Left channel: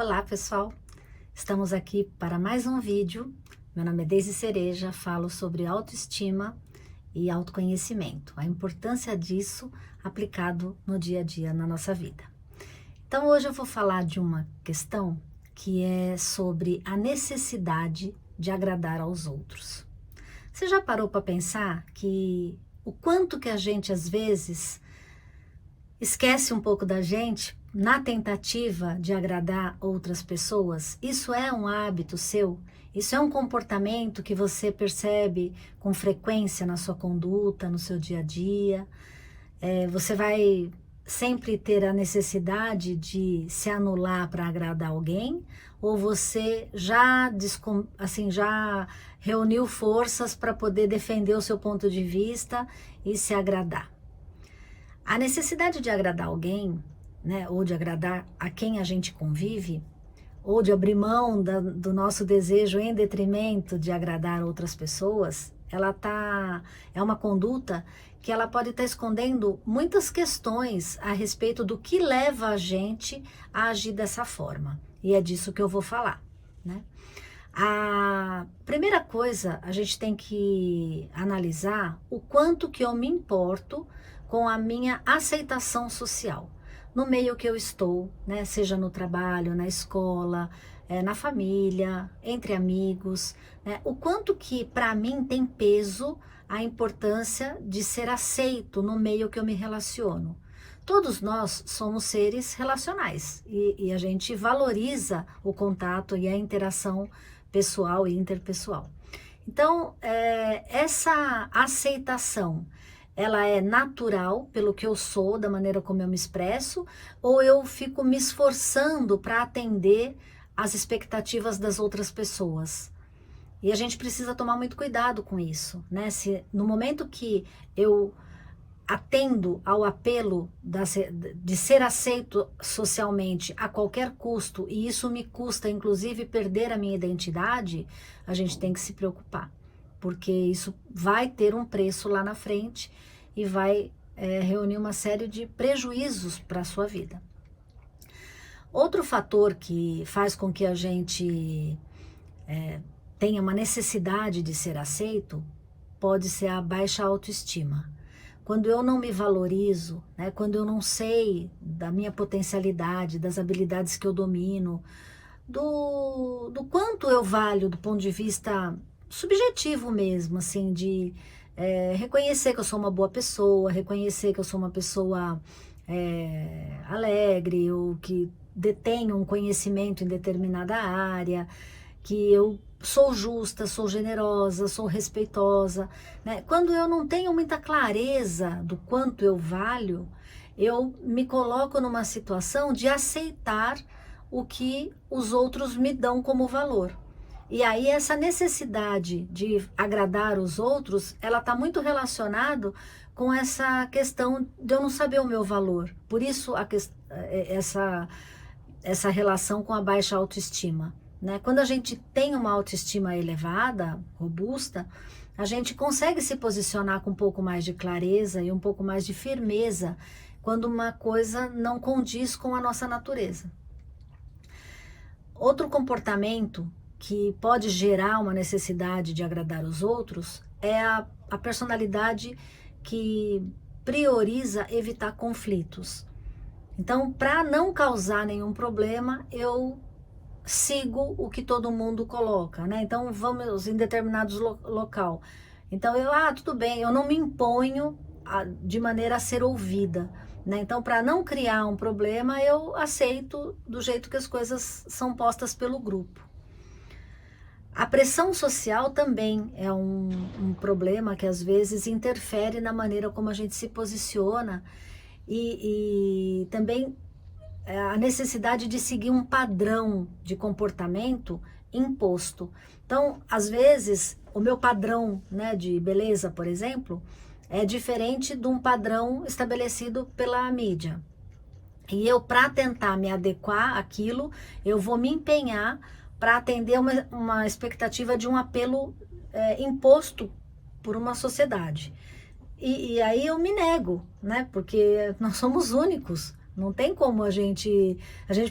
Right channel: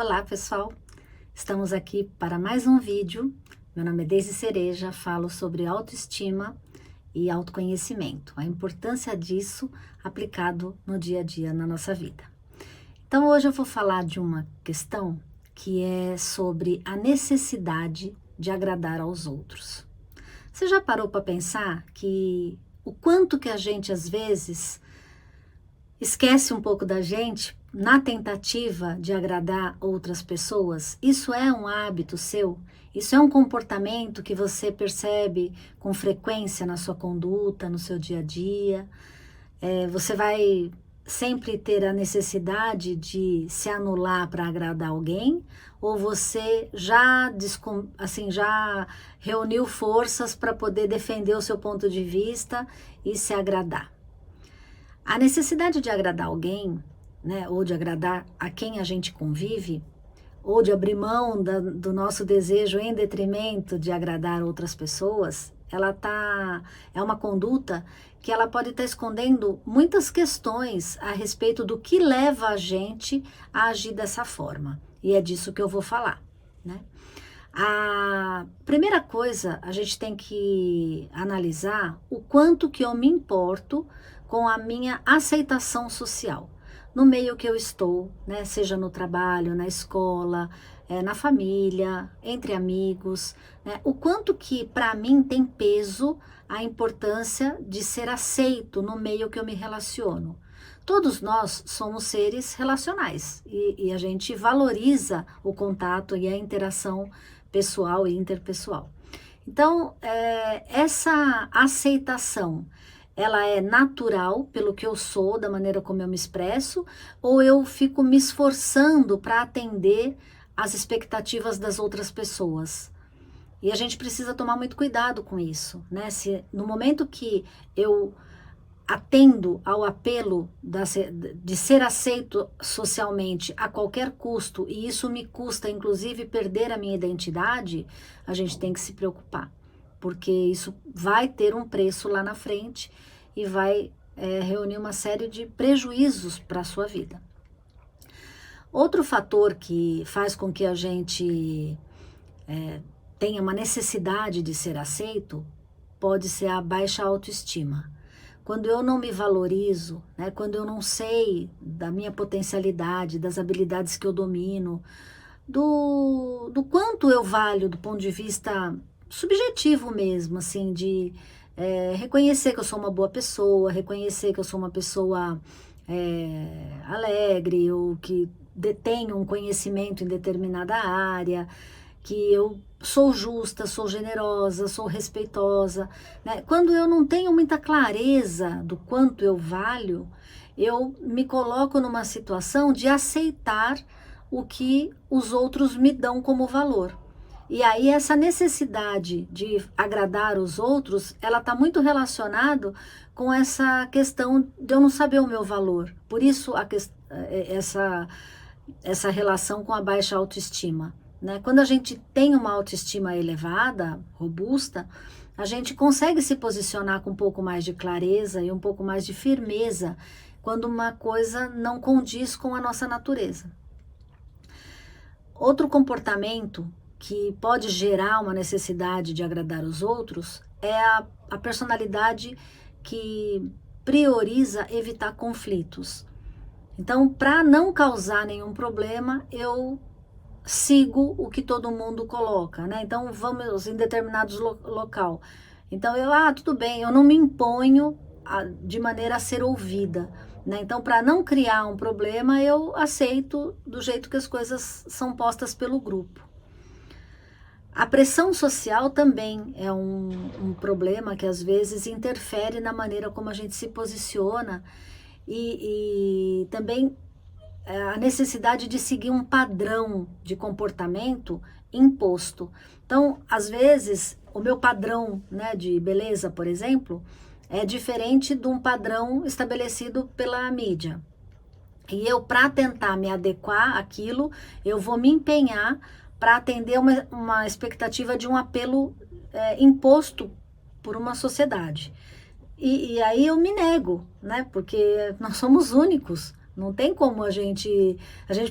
Olá pessoal, estamos aqui para mais um vídeo. Meu nome é Deise Cereja, falo sobre autoestima e autoconhecimento, a importância disso aplicado no dia a dia na nossa vida. Então hoje eu vou falar de uma questão que é sobre a necessidade de agradar aos outros. Você já parou para pensar que o quanto que a gente às vezes esquece um pouco da gente na tentativa de agradar outras pessoas? Isso é um hábito seu? Isso é um comportamento que você percebe com frequência na sua conduta, no seu dia a dia? Você vai sempre ter a necessidade de se anular para agradar alguém? Ou você já reuniu forças para poder defender o seu ponto de vista e se agradar? A necessidade de agradar alguém, né, ou de agradar a quem a gente convive, ou de abrir mão do nosso desejo em detrimento de agradar outras pessoas, é uma conduta que ela pode estar escondendo muitas questões a respeito do que leva a gente a agir dessa forma. E é disso que eu vou falar, né? A primeira coisa, a gente tem que analisar o quanto que eu me importo com a minha aceitação social, no meio que eu estou, né? Seja no trabalho, na escola, na família, entre amigos, né? O quanto que para mim tem peso a importância de ser aceito no meio que eu me relaciono. Todos nós somos seres relacionais e a gente valoriza o contato e a interação pessoal e interpessoal. Então, essa aceitação, ela é natural pelo que eu sou, da maneira como eu me expresso, ou eu fico me esforçando para atender às expectativas das outras pessoas? E a gente precisa tomar muito cuidado com isso, né? Se no momento que eu atendo ao apelo de ser aceito socialmente a qualquer custo, e isso me custa, inclusive, perder a minha identidade, a gente tem que se preocupar, porque isso vai ter um preço lá na frente e vai reunir uma série de prejuízos para a sua vida. Outro fator que faz com que a gente tenha uma necessidade de ser aceito pode ser a baixa autoestima. Quando eu não me valorizo, né, quando eu não sei da minha potencialidade, das habilidades que eu domino, do quanto eu valho do ponto de vista subjetivo mesmo, assim, de reconhecer que eu sou uma boa pessoa, reconhecer que eu sou uma pessoa alegre, ou que detenho um conhecimento em determinada área, que eu sou justa, sou generosa, sou respeitosa, né? Quando eu não tenho muita clareza do quanto eu valho, eu me coloco numa situação de aceitar o que os outros me dão como valor. E aí essa necessidade de agradar os outros, ela está muito relacionado com essa questão de eu não saber o meu valor. Por isso essa relação com a baixa autoestima, né? Quando a gente tem uma autoestima elevada, robusta, a gente consegue se posicionar com um pouco mais de clareza e um pouco mais de firmeza quando uma coisa não condiz com a nossa natureza. Outro comportamento que pode gerar uma necessidade de agradar os outros é a personalidade que prioriza evitar conflitos. Então, para não causar nenhum problema, eu sigo o que todo mundo coloca, né? Então, vamos em determinados local. Então, tudo bem, eu não me imponho de maneira a ser ouvida, né? Então, para não criar um problema, eu aceito do jeito que as coisas são postas pelo grupo. A pressão social também é um problema que às vezes interfere na maneira como a gente se posiciona e também a necessidade de seguir um padrão de comportamento imposto. Então, às vezes, o meu padrão, né, de beleza, por exemplo, é diferente de um padrão estabelecido pela mídia. E eu, para tentar me adequar àquilo, eu vou me empenhar para atender uma expectativa de um apelo imposto por uma sociedade. E aí eu me nego, né? Porque nós somos únicos, Não tem como a gente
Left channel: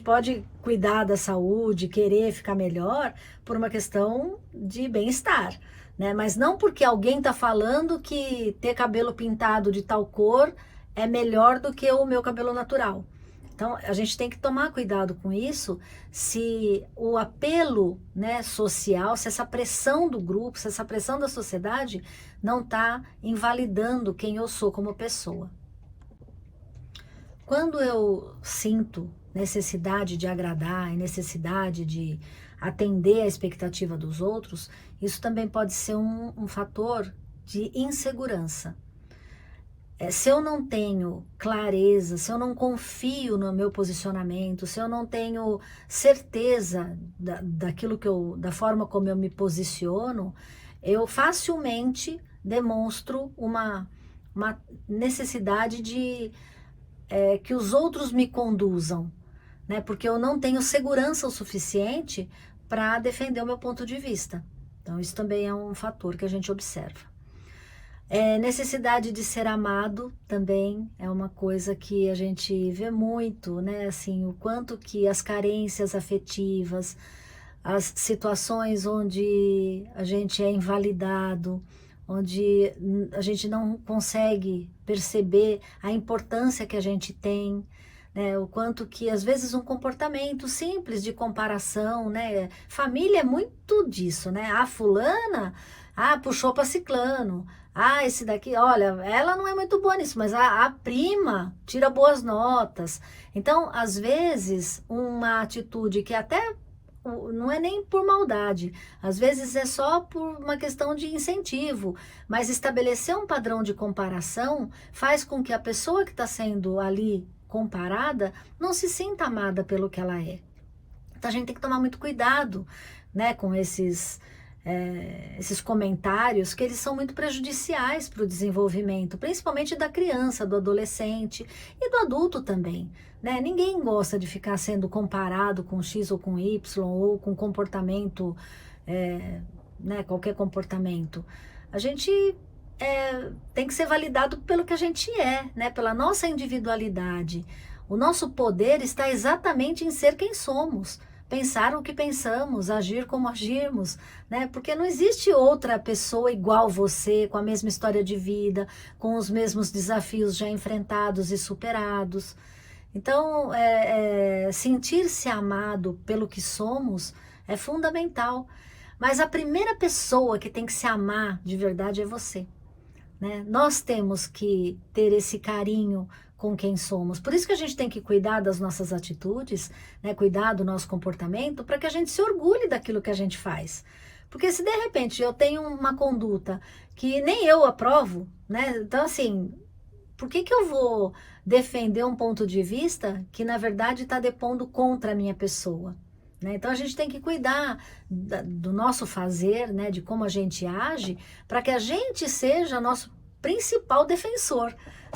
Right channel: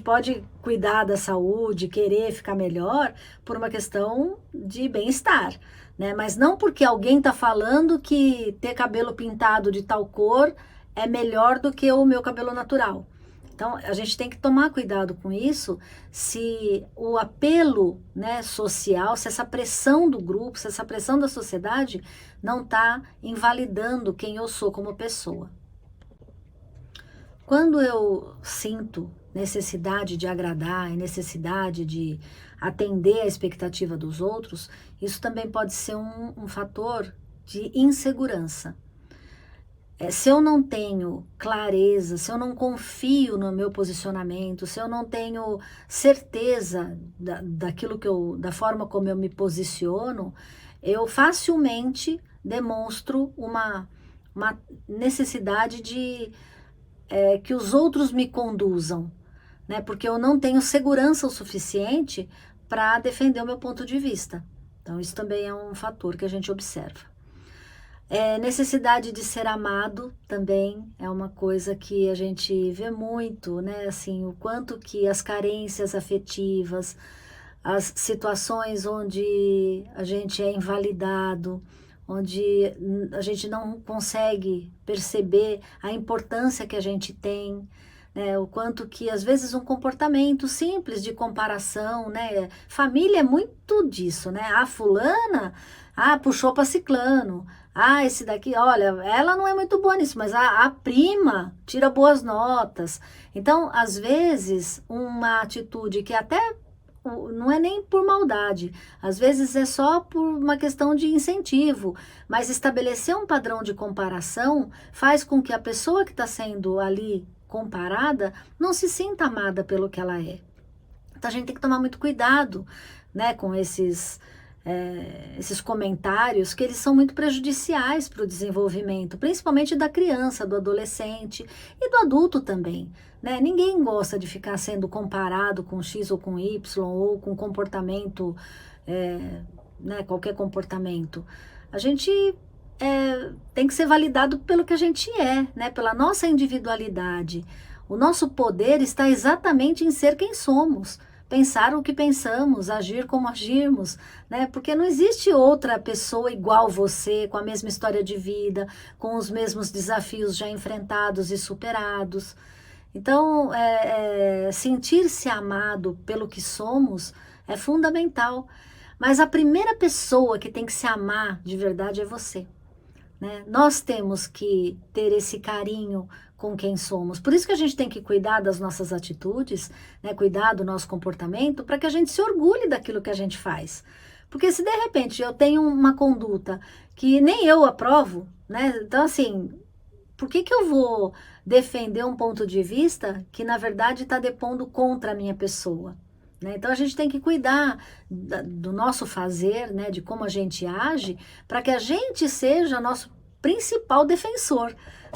pode cuidar da saúde, querer ficar melhor por uma questão de bem-estar, né? Mas não porque alguém está falando que ter cabelo pintado de tal cor é melhor do que o meu cabelo natural. Então, a gente tem que tomar cuidado com isso, se o apelo, né, social, se essa pressão do grupo, se essa pressão da sociedade não está invalidando quem eu sou como pessoa. Quando eu sinto necessidade de agradar e necessidade de atender a expectativa dos outros, isso também pode ser um fator de insegurança. Se eu não tenho clareza, se eu não confio no meu posicionamento, se eu não tenho certeza daquilo da forma como eu me posiciono, eu facilmente demonstro uma necessidade de que os outros me conduzam, né? Porque eu não tenho segurança o suficiente para defender o meu ponto de vista. Então, isso também é um fator que a gente observa. Necessidade de ser amado também é uma coisa que a gente vê muito, né? Assim, o quanto que as carências afetivas, as situações onde a gente é invalidado, onde a gente não consegue perceber a importância que a gente tem, né? O quanto que às vezes um comportamento simples de comparação, né? Família é muito disso, né? A fulana, puxou para ciclano. Esse daqui, olha, ela não é muito boa nisso, mas a prima tira boas notas. Então, às vezes, uma atitude que até não é nem por maldade, às vezes é só por uma questão de incentivo, mas estabelecer um padrão de comparação faz com que a pessoa que está sendo ali comparada não se sinta amada pelo que ela é. Então, a gente tem que tomar muito cuidado, né, com esses comentários, que eles são muito prejudiciais para o desenvolvimento, principalmente da criança, do adolescente e do adulto também, né? Ninguém gosta de ficar sendo comparado com X ou com Y, ou com comportamento, né, qualquer comportamento. A gente tem que ser validado pelo que a gente é, né? Pela nossa individualidade. O nosso poder está exatamente em ser quem somos. Pensar o que pensamos, agir como agirmos, né? Porque não existe outra pessoa igual você, com a mesma história de vida, com os mesmos desafios já enfrentados e superados. Então, sentir-se amado pelo que somos é fundamental. Mas a primeira pessoa que tem que se amar de verdade é você, né? Nós temos que ter esse carinho com quem somos. Por isso que a gente tem que cuidar das nossas atitudes, né? Cuidar do nosso comportamento, para que a gente se orgulhe daquilo que a gente faz. Porque se de repente eu tenho uma conduta que nem eu aprovo, né? Então, assim, por que eu vou defender um ponto de vista que, na verdade, está depondo contra a minha pessoa? Né? Então, a gente tem que cuidar do nosso fazer, né? De como a gente age, para que a gente seja nosso principal defensor,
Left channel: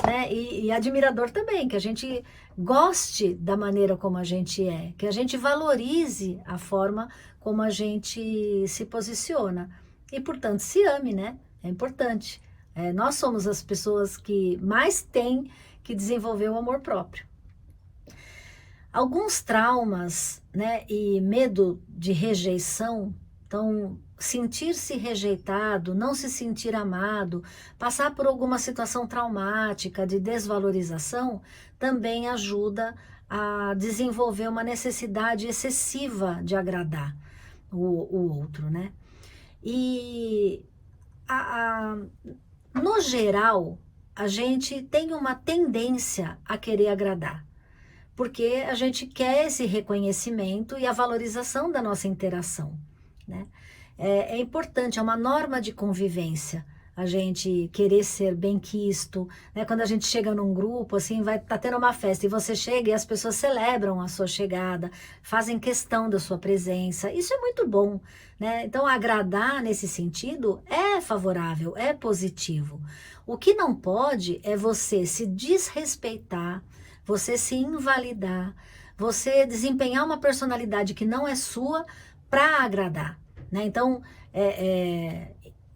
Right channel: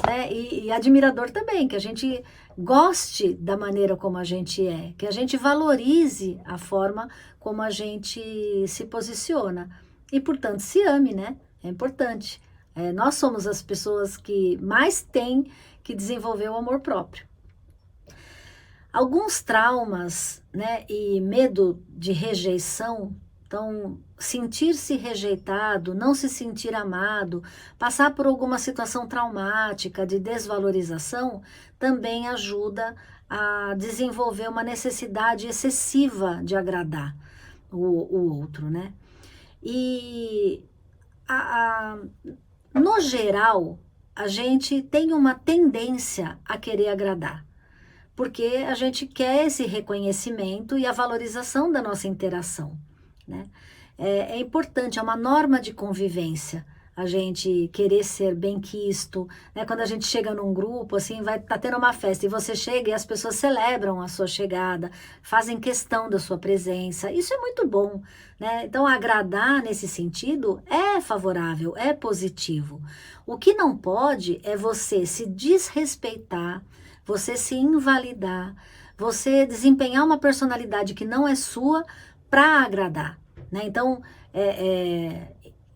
né? E admirador também, que a gente goste da maneira como a gente é, que a gente valorize a forma como a gente se posiciona e, portanto, se ame, né? É importante. Nós somos as pessoas que mais têm que desenvolver o amor próprio. Alguns traumas, né, e medo de rejeição, então sentir-se rejeitado, não se sentir amado, passar por alguma situação traumática de desvalorização, também ajuda a desenvolver uma necessidade excessiva de agradar o outro, né? E no geral, a gente tem uma tendência a querer agradar, porque a gente quer esse reconhecimento e a valorização da nossa interação, né? É importante, é uma norma de convivência a gente querer ser bem-quisto, né? Quando a gente chega num grupo, assim, tá tendo uma festa e você chega e as pessoas celebram a sua chegada, fazem questão da sua presença, isso é muito bom, né? Então, agradar nesse sentido é favorável, é positivo. O que não pode é você se desrespeitar, você se invalidar, você desempenhar uma personalidade que não é sua para agradar, né? Então,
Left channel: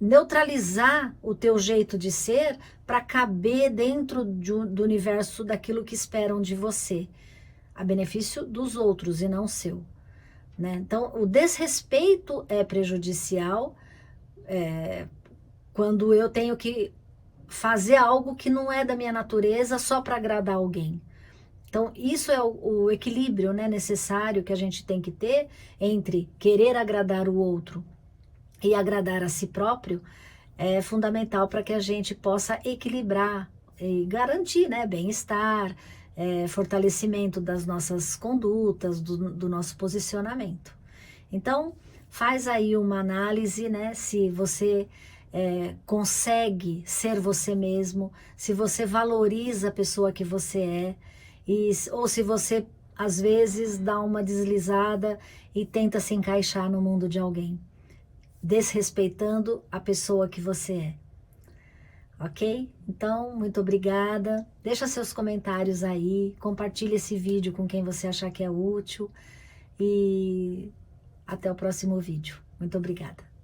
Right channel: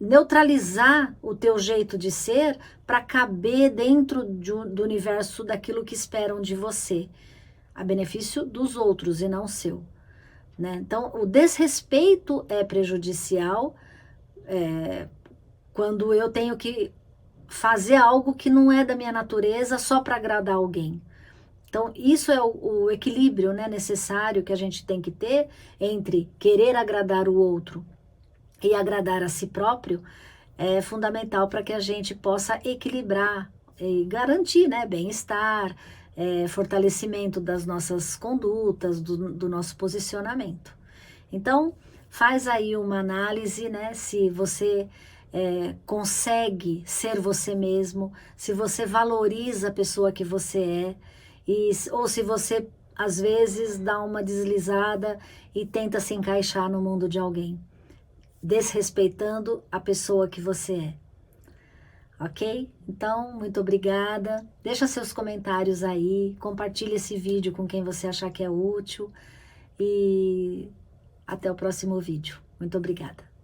neutralizar o teu jeito de ser para caber dentro do universo daquilo que esperam de você, a benefício dos outros e não seu, né? Então, o desrespeito é prejudicial quando eu tenho que fazer algo que não é da minha natureza só para agradar alguém. Então, isso é o equilíbrio, né, necessário que a gente tem que ter entre querer agradar o outro e agradar a si próprio. É fundamental para que a gente possa equilibrar e garantir, né, bem-estar, fortalecimento das nossas condutas, do nosso posicionamento. Então, faz aí uma análise, né, se você consegue ser você mesmo, se você valoriza a pessoa que você é, ou se você, às vezes, dá uma deslizada e tenta se encaixar no mundo de alguém, desrespeitando a pessoa que você é. Ok? Então, muito obrigada. Deixa seus comentários aí, compartilhe esse vídeo com quem você achar que é útil e até o próximo vídeo. Muito obrigada.